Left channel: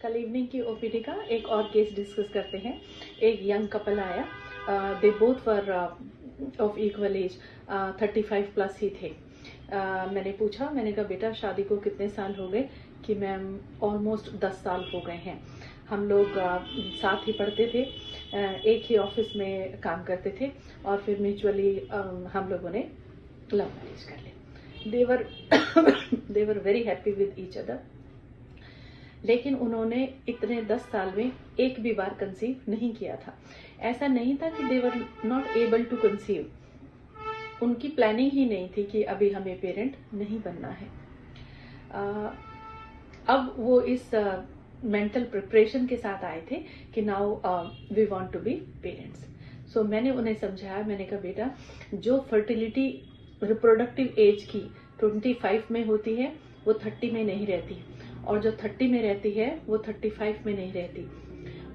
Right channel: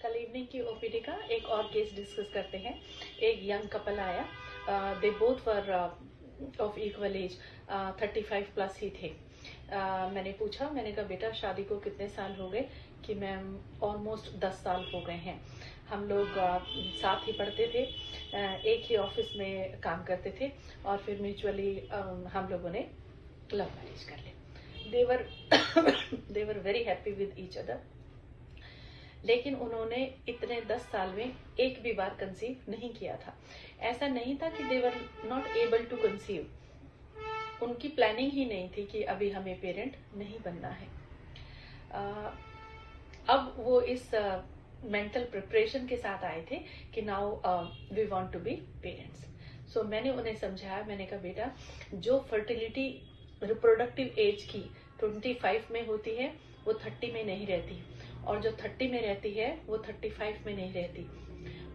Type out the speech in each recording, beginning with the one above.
कल इवनिंग की ओपीडी का एक और केस डिस्कस करते हैं। एक यंग कपल आया, they both were of equal age, 35 plus ही थे। मैंने पूछा, मैंने कहा बेटा शादी को कितने साल हो गए? कि मैम ऑलमोस्ट 10 साल हो गए हैं। हम लोग साथ ही पढ़ते थे, एक ही ऑफिस में काम करते थे और फिर म्यूचुअली हम लोगों ने लव मैरिज कर लिया। They were very happy with each other. लेकिन उन्होंने इतने 10 साल में एक भी बार कंसीव नहीं किया था। ऐसा नहीं था कि they were not able to conceive, उनकी प्लानिंग ही नहीं थी कि अभी हमें पेरेंट नहीं बनना है। अब वो इस मेंटल प्रिपरेशन के साथ आए थे कि now we want to be parents. So मैंने उन्हें समझाया, मैंने कहा बेटा जो फर्टिलिटी रिप्रोडक्टिव एज की 25 में होती है वो 30 में नहीं रहती, और जो 30 में रहती है वो 35 में नहीं रहती।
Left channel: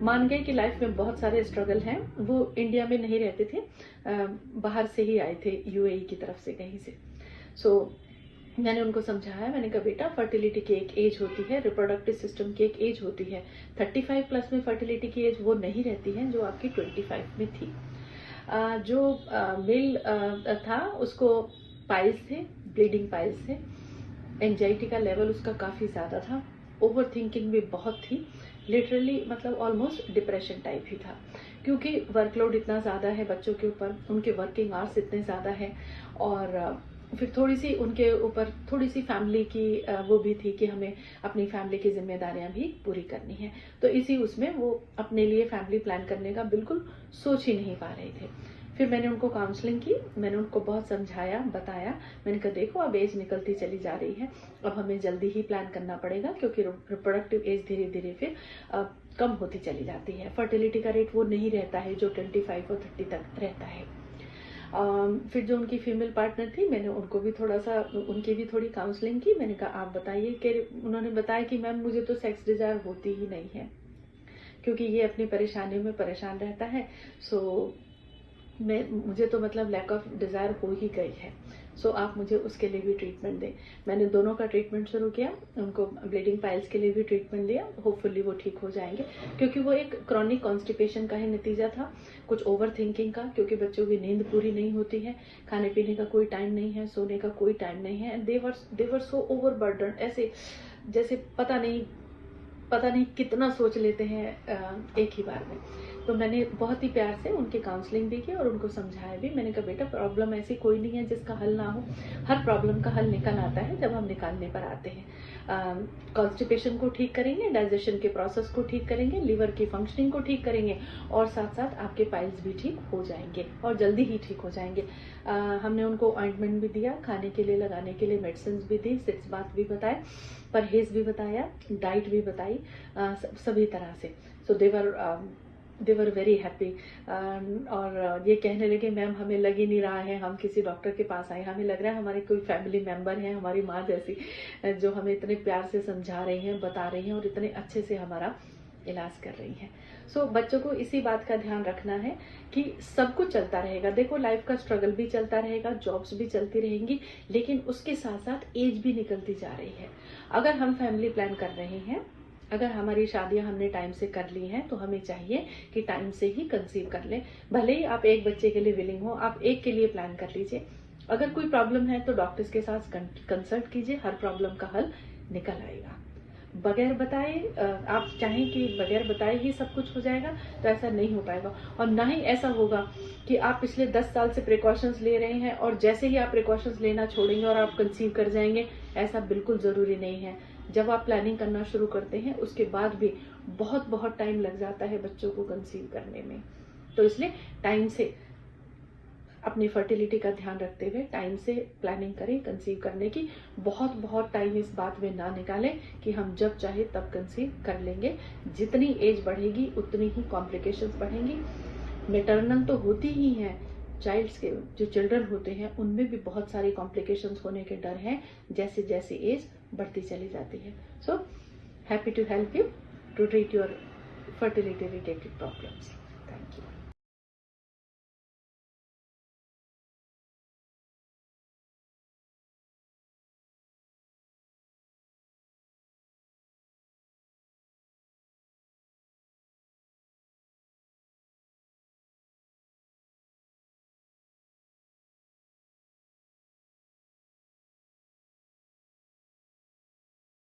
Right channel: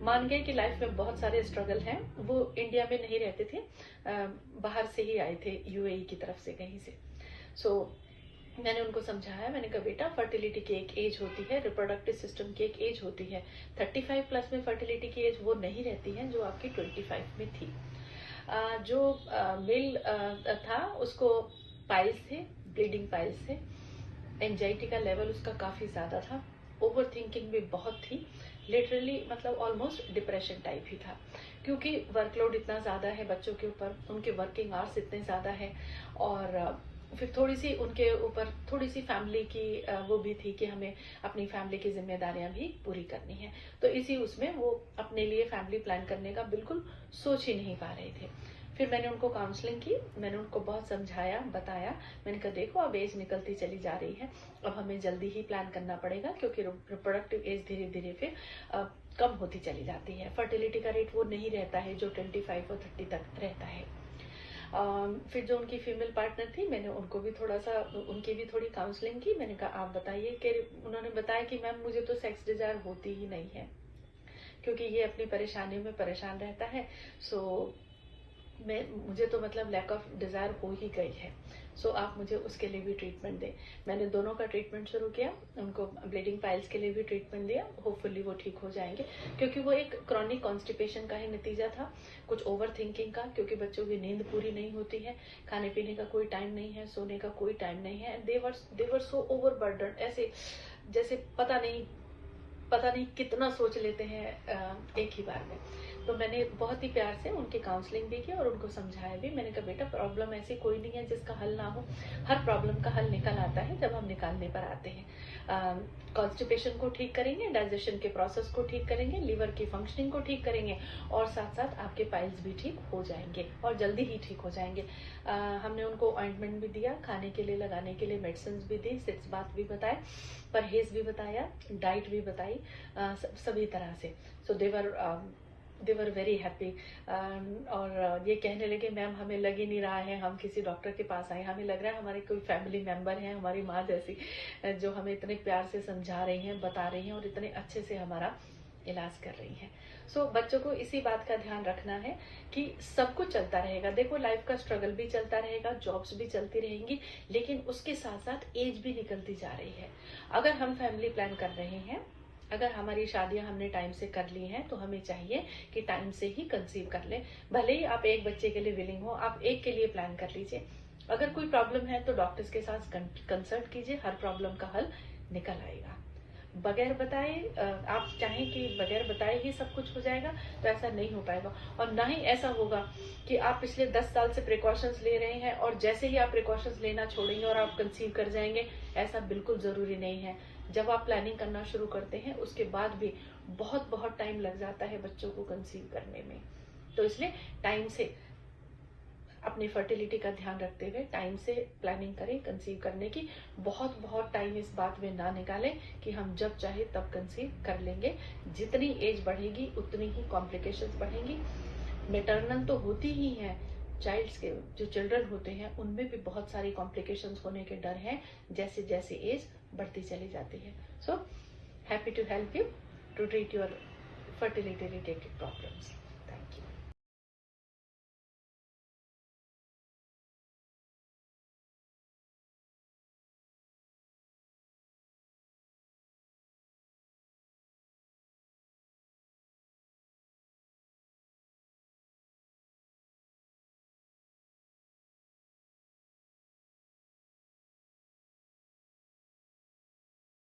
मान गए कि लाइफ में बहुत सारे स्ट्रगल हैं, वो इंडिया में नहीं रहते थे, बाहर से ही आए थे, यूएई की तरफ से कहीं से। सो मैंने उनको समझाया, मैंने कहा बेटा फर्टिलिटी की एक एज होती है, रिप्रोडक्टिव सिस्टम की एक एज होती है। 35 प्लस में फर्टिलिटी की एज वो नहीं रहती है जो आपकी 25 में थी। जो मेल था उसको पाइल्स थे, ब्लीडिंग पाइल्स थे। एंजाइटी का लेवल उसका काफी ज्यादा था, ओवर थिंकिंग भी बहुत थी, लिटरली मतलब ऑलमोस्ट डिप्रेशन टाइप ही था, क्योंकि वर्कलोड इतना ज्यादा है बच्चों के ऊपर, उनके वर्किंग आवर्स इतने ज्यादा है, और फिर थोड़ी सी उनके ऊपर थोड़ी सी फैमिली की वो भी थी कि हमें अपनी फैमिली की जिम्मेदारियां भी पूरी करनी है। तो इसी उसमें वो अपने लिए फैमिली प्लान करने का बिल्कुल सोच ही नहीं पा रहे थे। फिर मैंने उनको काउंसलिंग की, मैंने उनको बहुत समझाया, बताया। मैंने कहा देखो अब एज निकलती चली जा रही है, अब हमें जल्दी ही प्लान करना पड़ेगा, क्योंकि रिप्रोडक्टिव एज धीरे धीरे फिर कम होती चली जाती है। फर्टिलिटी का रेट वो नहीं रहता है जो 25 और 30 तक रहता है। फिर जो उनकी फीमेल पार्टनर थी, मैंने उनको भी थोड़ा सा, उनकी भी थोड़ी काउंसलिंग की। मैंने कहा आप बताइए, कि उन्होंने बताया कि मैम मुझे तो सेक्स डिजायर होती ही नहीं है, क्योंकि ये अपनी परेशानियों में परेशान रहता है। सो मुझे तो मतलब लैक ऑफ डिजायर हो ही गई है। सो आप मुझे उसके लिए भी ट्रीटमेंट दें। मैंने दोनों का ट्रीटमेंट शुरू किया, उनको ब्लीडिंग पाइल्स के लिए भी ट्रीटमेंट दिया। होपफुली वो ठीक हो जाएंगे, क्योंकि वो एक क्रॉनिक कॉन्स्टिपेशन का ही नतीजा था, कुछ ओवर थिंकिंग का, क्योंकि बच्चों की नींद पूरी नहीं होती है, खाने पीने का कोई टाइम नहीं है, सोने का कोई टाइम नहीं है, and they were so overburden, ऐसे जैसे पता नहीं कितना सोच लेते हैं एक ही बार में। तो मैंने बहुत ही प्यार से उनकी काउंसलिंग भी की और उनको समझाया भी। मैंने कहा बेटा प्रॉब्लम ऐसी कोई नहीं है जिसका हल ना हो, हर प्रॉब्लम का हल निकल आता है जब हम निकालने पर आते हैं। कॉन्स्टिपेशन को ठीक करेंगे, डाइजेशन के प्रोसेस को ठीक करेंगे, लिवर की फंक्शनिंग को ठीक करेंगे, और साथ साथ आपके पाइल्स भी ठीक हो जाएंगे, और जल्दी ही ठीक हो जाएंगे। हमने उनको ऑइंटमेंट भी दिया, खाने के लिए लगाने के लिए मेडिसिन भी दी, 6 बात भी बताए, परहेज भी बताया, डाइट भी बताई, सभी तरह से। सो दे वर वेरी हैप्पी। और ये कहने लगे मैम हमें लग ही नहीं रहा है हम किसी डॉक्टर के पास आए, हमें लग रहा है हमारे कोई फैमिली मेंबर है, हमारी माँ जैसी, जो हमें इतने प्यार से समझा रही हैं, बता रही हैं, और इतने अच्छे से हमारा इलाज कर रही हैं। सो बच्चों को इसी बात का ध्यान रखना है कि सब कुछ चलता रहेगा। देखो लाइफ का स्ट्रगल भी चलता रहेगा, जॉब्स भी चलती रहेंगी, लेकिन उसके साथ साथ एज भी निकलती जा रही है। अगर हम फैमिली प्लान कर रहे हैं, अगर हमारी शादियां हमने टाइम से कर ली हैं, तो हमें चाहिए कि टाइम से ही कंसीव कर लें। भले ही आप एक बच्चे के लिए विलिंग हो, आप एक के लिए प्लान कर लीजिए। अगर कोई प्रॉब्लम है तो डॉक्टर्स के साथ कंसल्ट कीजिए, हर प्रॉब्लम का हल निकल आएगा। बगैर बताए, आप चाहें कि बगैर बताए ही सब कुछ हो जाएगा, तो ऐसा नहीं हो पाएगा। और ना ही ऐसा होगा कि आप पिछले 10 साल से प्रिकॉशंस ले रहे हैं और जैसे ही आप प्रिकॉशंस लेना छोड़ेंगे और आप कंसीव कर जाएंगे, ऐसा बिल्कुल जरूरी नहीं है। जब आप प्लानिंग करना शुरू करते हैं उसके बाद भी बहुत बहुत टाइम लग जाता है बच्चों को कंसीव करने में। तो इसलिए टाइम से अपनी फर्टिलिटी का ध्यान रखते हुए टाइम से प्लानिंग करें कंसीव करने की। बहुत बहुत टाइम इस बात में ना निकालें कि हम जब चाहे तब कंसीव कर लेंगे। जितनी एज बढ़ेगी उतनी ही कॉम्प्लिकेशंस बढ़ेंगी। मेटर्नल तो होती ही हैं, चाइल्ड्स के जो चिल्ड्रन होते हैं उनमें भी बहुत सारी कॉम्प्लिकेशंस होने के डर हैं, जैसे जैसे एज बढ़ती चली जाती है। So happy to help you to treat your fertility related problems.